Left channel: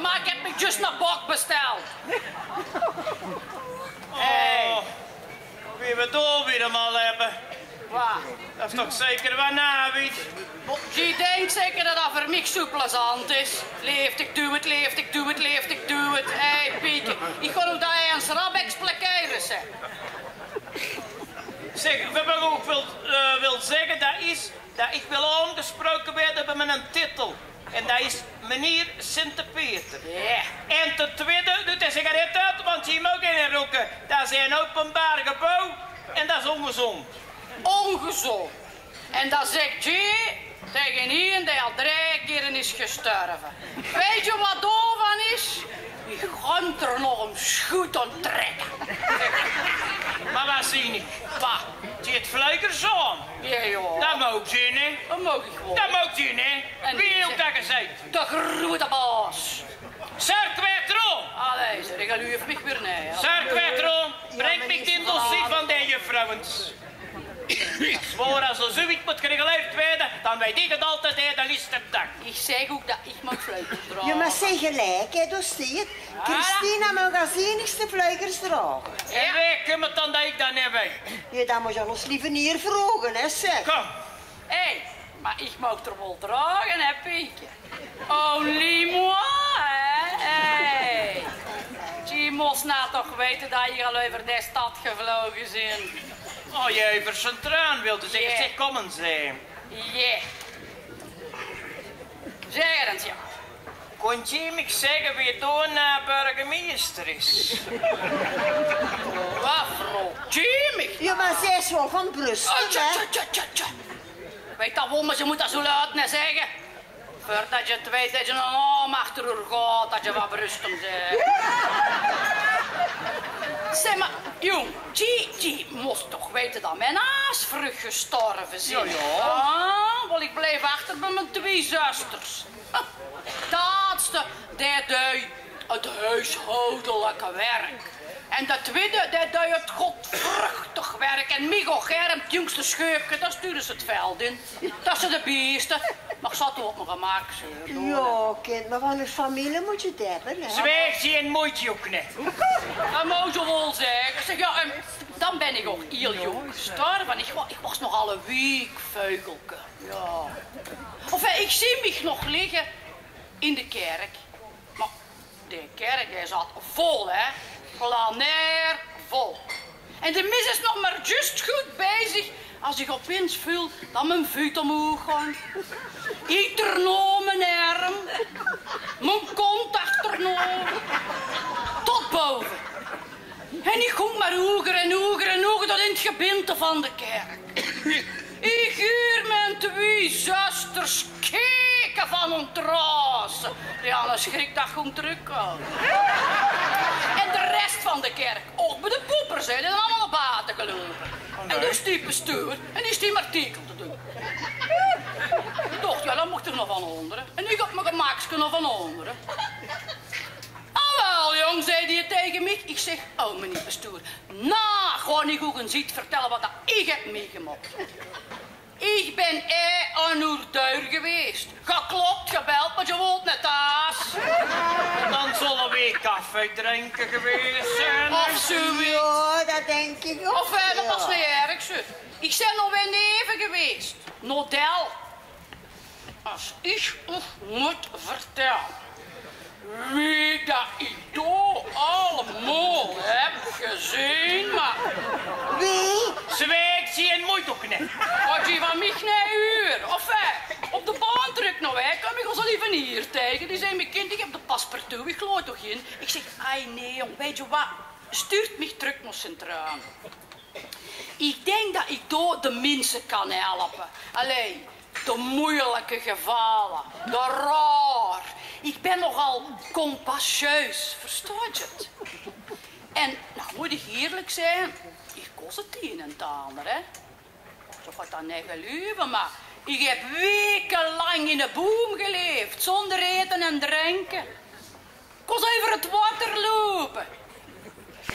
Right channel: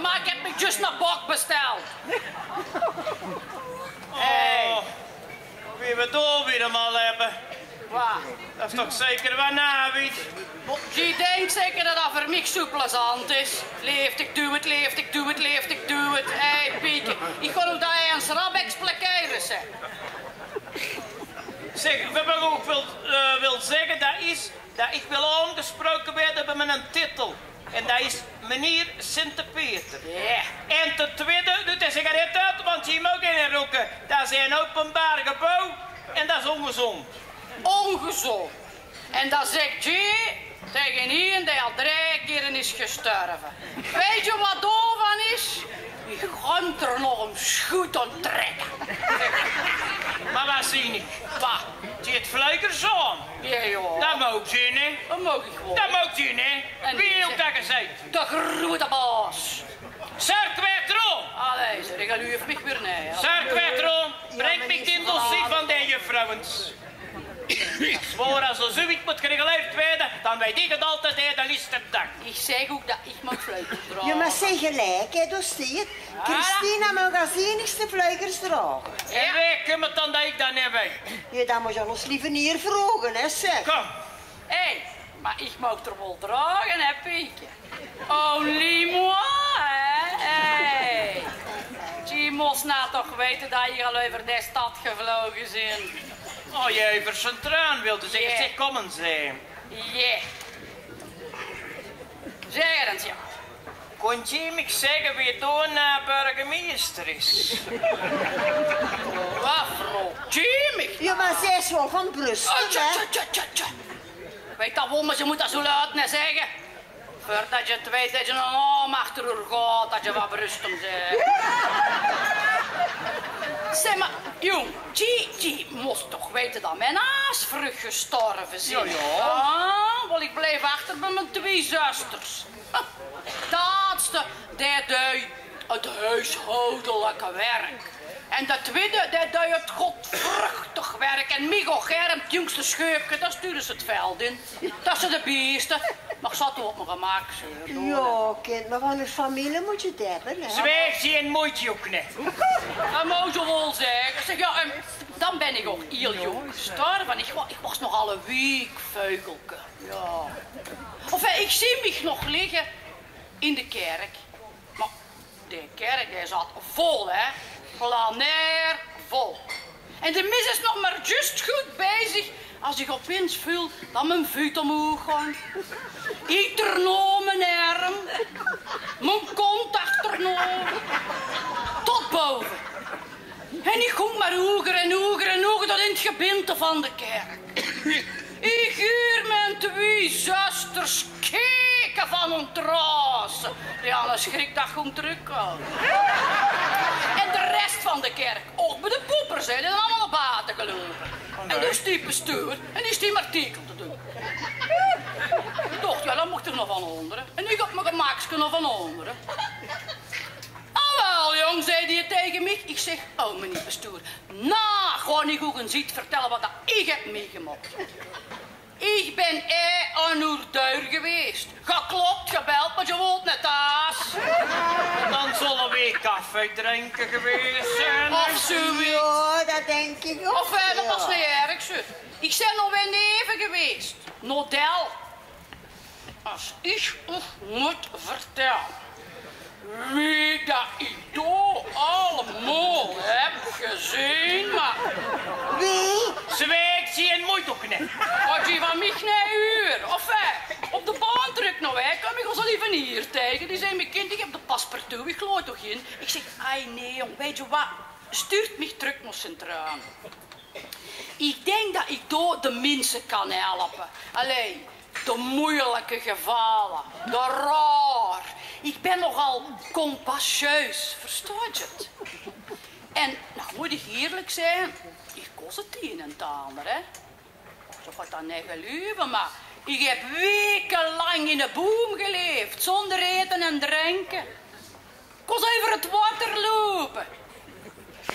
maken, maar ik heb me juist naar bok besteld. Oh, wie we door weer eenmaal hebben. Wat? Dat is toch zeker wat nawiet? Je denkt zeker dat dat voor mij zo plezant is. Leeft, ik doe het, leeft, ik doe het, leeft, ik doe het. Hé, Pieke, ik ga ook dat hij een schrap expliqueren, zeg. Zeg, wat ik ook wil zeggen, dat is dat ik wil aangesproken werden bij mijn titel. En dat is meneer Sint-Peter. Ja. En ten tweede, doet de sigaret uit, want je mag geen roken. Dat is een openbaar gebouw en dat is ongezond. Ongezond. En dat zegt je tegen iemand die al 3 keer is gestorven. Weet je wat daarvan is? Je gaat er nog een schoet aan trekken. Maar wat zie ik? Wat? Zie je het vleugers aan? Ja, joh. Dat mag zien, hè? Dat mag ik gewoon. Dat mag zien, hè? En Wie die heeft dat gezegd? De grote baas. Sarkwetroon! Allee, zeg, ik ga u even weer nee. Sarkwetroon, breng me in dossier van de juffrouwens. Voor als er zoiets moet geregeld werden, dan weet ik het altijd, hè, dan is het dag. Ik zeg ook dat ik mag vleugels dragen. Je mag zeggen gelijk, hè, dus zie je. Christina mag als enigste vleugels dragen. En wij kunnen dan dat ik dat niet weet. Ja, dan moet je ons liever niet vragen, hè, zeg. Kom. Hé, maar ik mag er wel dragen, hè, Pietje. Only moi, hè? Hé. Je moest nou toch weten dat je al over de stad gevlogen bent. Oh, je over zijn traan wilde zeggen, Ja. zeg, kom eens, hè. Ja. Zeg eens, ja. Kon je me zeggen wie toen burgemeester is? Wat, vrouw? Jimmy? Ja, maar zij is wel van Brussel, Oh, tja, hè. tja, tja, tja, tja. Weet dat wel, maar je moet dat zo luid niet zeggen. Voordat je het weet dat je een arm achter haar gaat, dat je wat berustem bent. Zeg maar, jong, je moest toch weten dat mijn aasvrucht gestorven zijn? Ja, ja. Ah, wel, ik bleef achter bij mijn 2 zusters. Het laatste, die deed het huishoudelijke werk. En de tweede, die deed het godvruchtig werk. En Migo Germ, het jongste scheupje, dat stuurde ze het veld in. Dat zijn de beesten. Maar ik zat er op mijn gemak, zeur. Ja, kind, maar van een familie moet je het hebben, hè. Zwijg je en moeite ook niet. Dat moet je wel zeggen. Zeg, ja, dan ben ik ook heel jong gestorven. Ik was nogal een week veugelke. Ja. Of ik zie mij nog liggen in de kerk. Maar de kerk die zat vol, hè. Planair vol. En de mis is nog maar juist goed bezig als ik opeens voel dat mijn voet omhoog gaan. Ik ternoem mijn arm, mijn kont achternomen, tot boven. En ik ging maar hoger en hoger en hoger tot in het gebinte van de kerk. Ik huur mijn 2 zusters keken van ontrossen. Die hadden schrik dat gewoon terugkomen. En de rest van de kerk, ook bij de poepers, hè, die zijn allemaal naar buiten gelopen. En dus die bestuur, en die is die artikel te doen. Ik dacht, ja, dan mocht er nog van onderen. En ik had mijn gemaksje nog van onderen. Wel, jong, zei hij tegen mij. Ik zeg, oh, meneer bestuur, ga niet goed en ziet vertellen wat dat ik heb meegemaakt. Ik ben aan uw deur geweest. Geklopt, gebeld, maar je woont net thuis. Dan zullen we koffie drinken geweest zijn. Of zoiets. Ja, dat denk ik ook. Of dat was niet erg, zo. Ik ben nog bij neven geweest. Nodel. Als ik moet vertellen wie dat ik daar allemaal heb gezien, maar Wie? Zwijg je en moeite ook niet. wat je van mij naar uur. Of op de baan terug nog, hè, kom ik ons al even hier tegen. Die zei, mijn kind, ik heb de paspartout, ik geloof toch in. Ik zeg, ai nee, jong, weet je wat, stuurt mij terug naar Centraal. Ik denk dat ik door de mensen kan helpen. Allee, de moeilijke gevallen, de raar. Ik ben nogal compassieus, verstaat je het? En, nou moet ik eerlijk zijn, ik kost het een en het ander, hè. Zo gaat dat niet geloven, maar ik heb wekenlang in de boom geleefd, zonder eten en drinken. Ik was over het water lopen.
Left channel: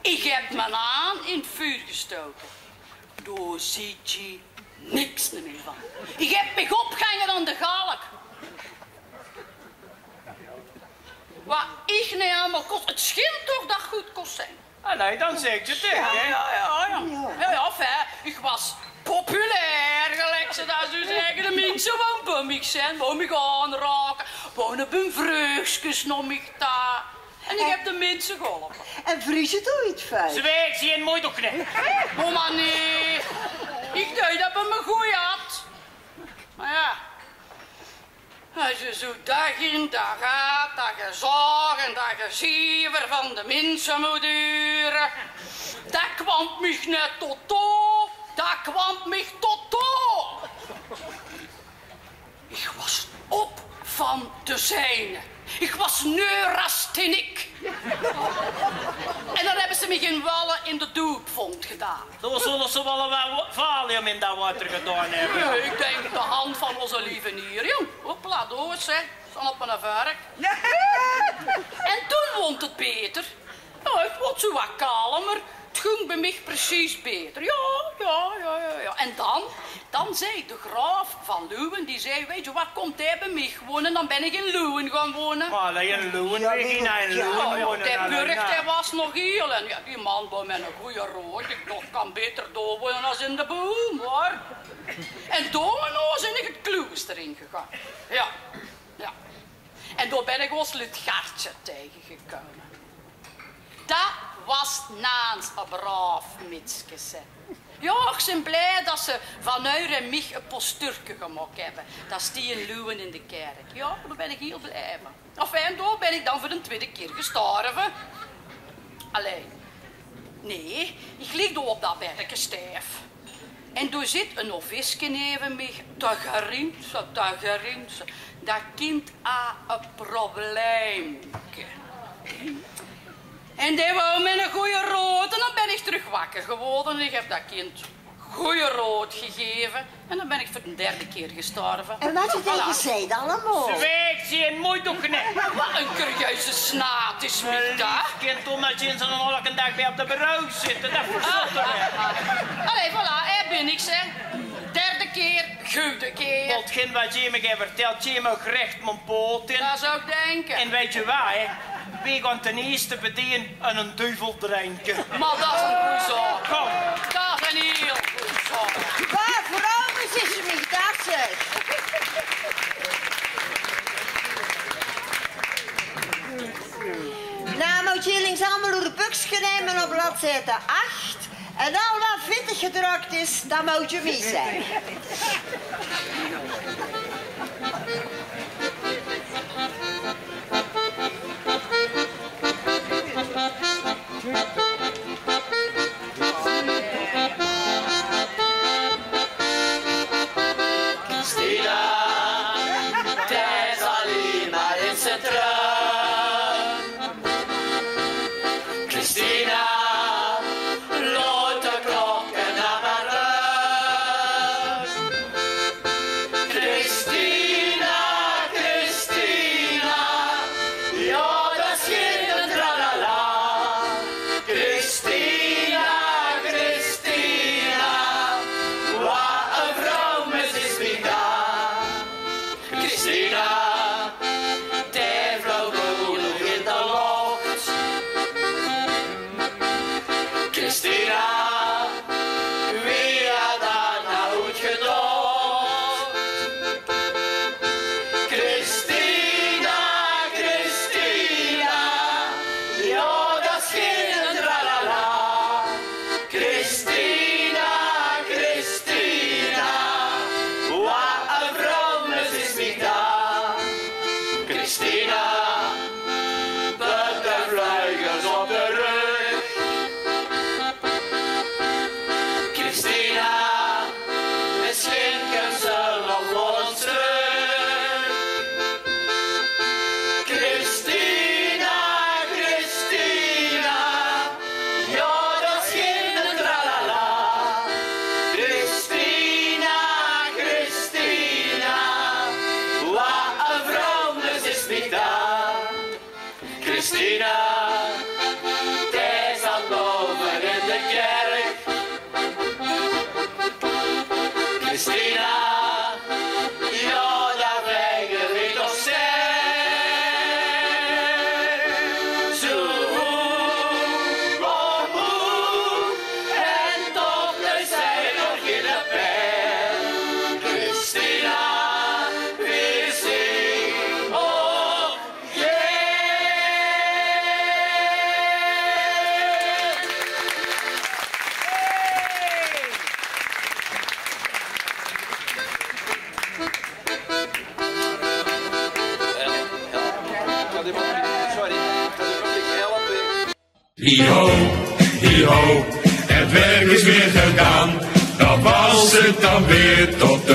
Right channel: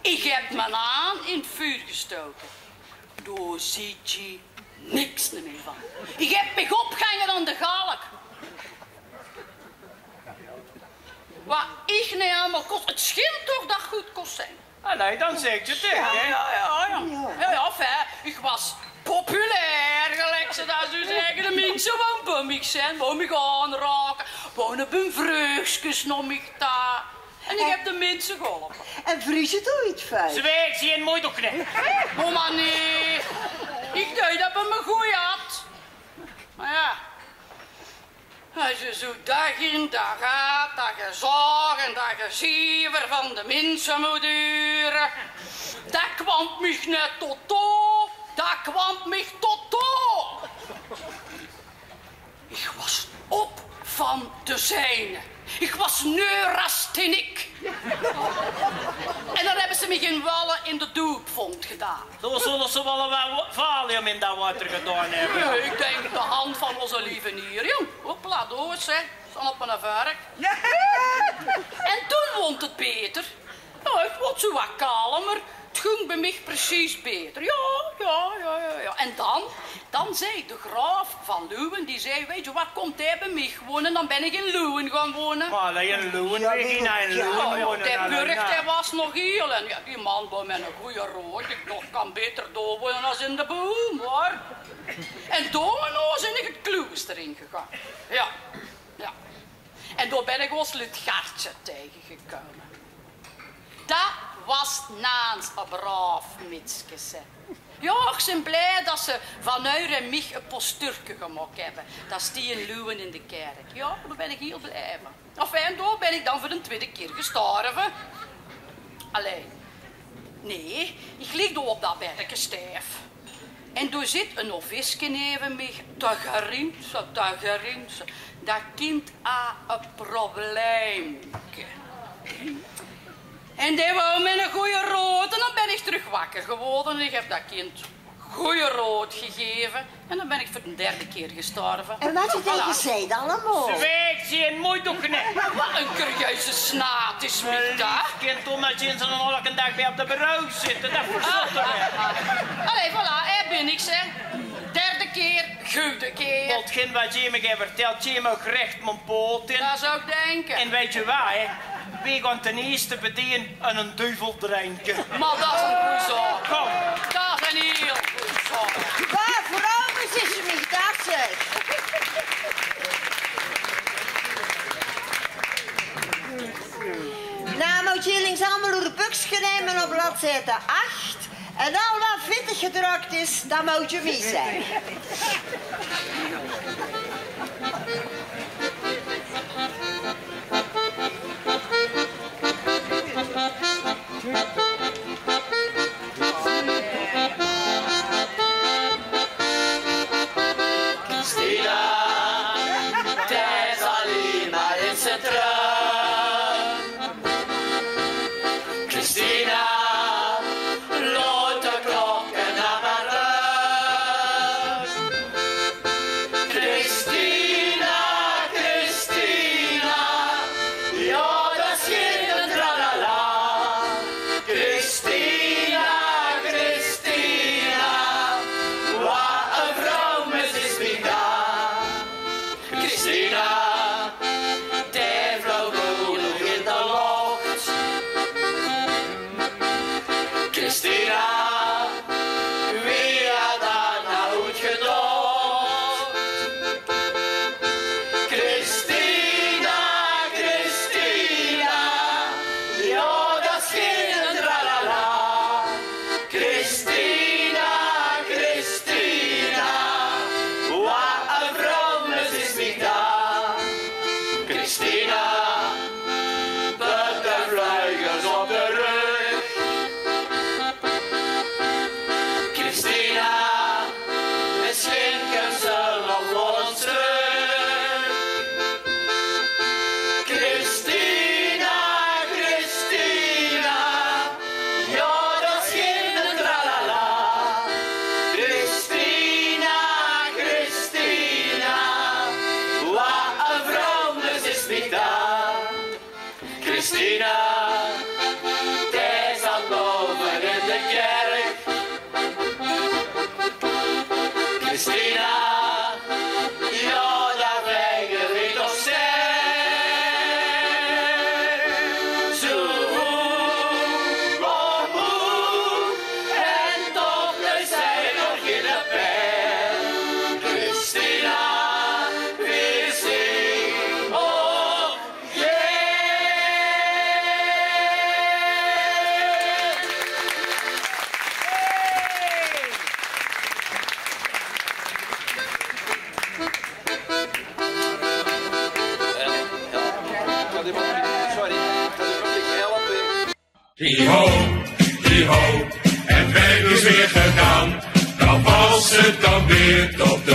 Ik heb mijn aan in het vuur gestoken. Daar ziet je niks meer van. Ik heb me opgehangen aan de galk. Wat ik niet allemaal kost. Het schijnt toch dat goed kost zijn. Allee, dan zeg je het, hè? Ja, fijn. Ik was populair, gelijk ze dat zo zeggen. De mensen van bummig zijn, wou me aanraken. Wonen bij vreugdjes nog me daar. En ik heb de mensen geholpen. En vries het ooit vuil? Zwijg, zie je een mooi toch niet? Mama, nee. Ik dacht dat het me goed had. Maar ja. Als je zo dag in dag uit, dat je zorg en dat je zever van de mensen moet duren. Dat kwam mij net tot toe. Dat kwam mij tot toe. Ik was op van de zijne. Ik was neurastenik. En dan hebben ze me geen wallen in de doopvond gedaan. Zo zullen ze wel wat valium in dat water gedaan hebben. Nee, ik denk de hand van onze lieve nier, jong. Hopla, doos, hè. Staan op mijn vark. En toen vond het beter. Nou, ik word zo wat kalmer. Het ging bij mij precies beter. Ja. En dan zei de graaf van Leeuwen, die zei, weet je wat, komt hij bij mij wonen? Dan ben ik in Leeuwen gaan wonen. Maar alleen in Leeuwen, we gaan in Leeuwen wonen. De burcht, hij was nog heel. En ja, die man was met een goede rood. Ik dacht, kan beter door wonen als in de boom, hoor. En domino ben ik het klooster ingegaan. Ja. En daar ben ik ons Lutgartje tegengekomen. Dat was naast een braaf mitsje. Ja, ik ben blij dat ze van Uur en mij een postuurtje gemaakt hebben. Dat is die in Leeuwen in de kerk. Ja, daar ben ik heel blij van. Enfin, daar ben ik dan voor de tweede keer gestorven. Allee. Nee, ik lig door op dat berkje stijf. En daar zit een offiesje neven mij. Dat gerinse. Dat kind a een probleempje. En die wou met een goeie rood. En dan ben ik terug wakker geworden. En ik heb dat kind goeie rood gegeven. En dan ben ik voor de derde keer gestorven. En wat je tegen zei allemaal? Zwijg, zie je een mooi toch niet? Wat een curieuze snaat is met dat. Kind omdat je in zo'n elke dag bij op de bureau zit. Dat verzot er. Allee, voilà, hij ben ik, hè. Derde keer, goede keer. Hetgeen wat je me vertelt, je me recht mijn poot in. Dat zou ik denken. En weet je waar, hè? Wij gaan ten eerste bedienen en een duivel drinken. Maar dat is een goede zaak. Kom. Dat is een heel goede zaak. Waar vrouwen is ze niet dat zeg? Nou, moet je links allemaal door de buksje nemen op bladzijde 8. En al wat vittig gedrukt is, dat moet je mee zijn. die moet niet. Sorry. Dat is een beetje helpen. Hi-ho, hi-ho, het werk is weer gedaan. Dan was het dan weer tot de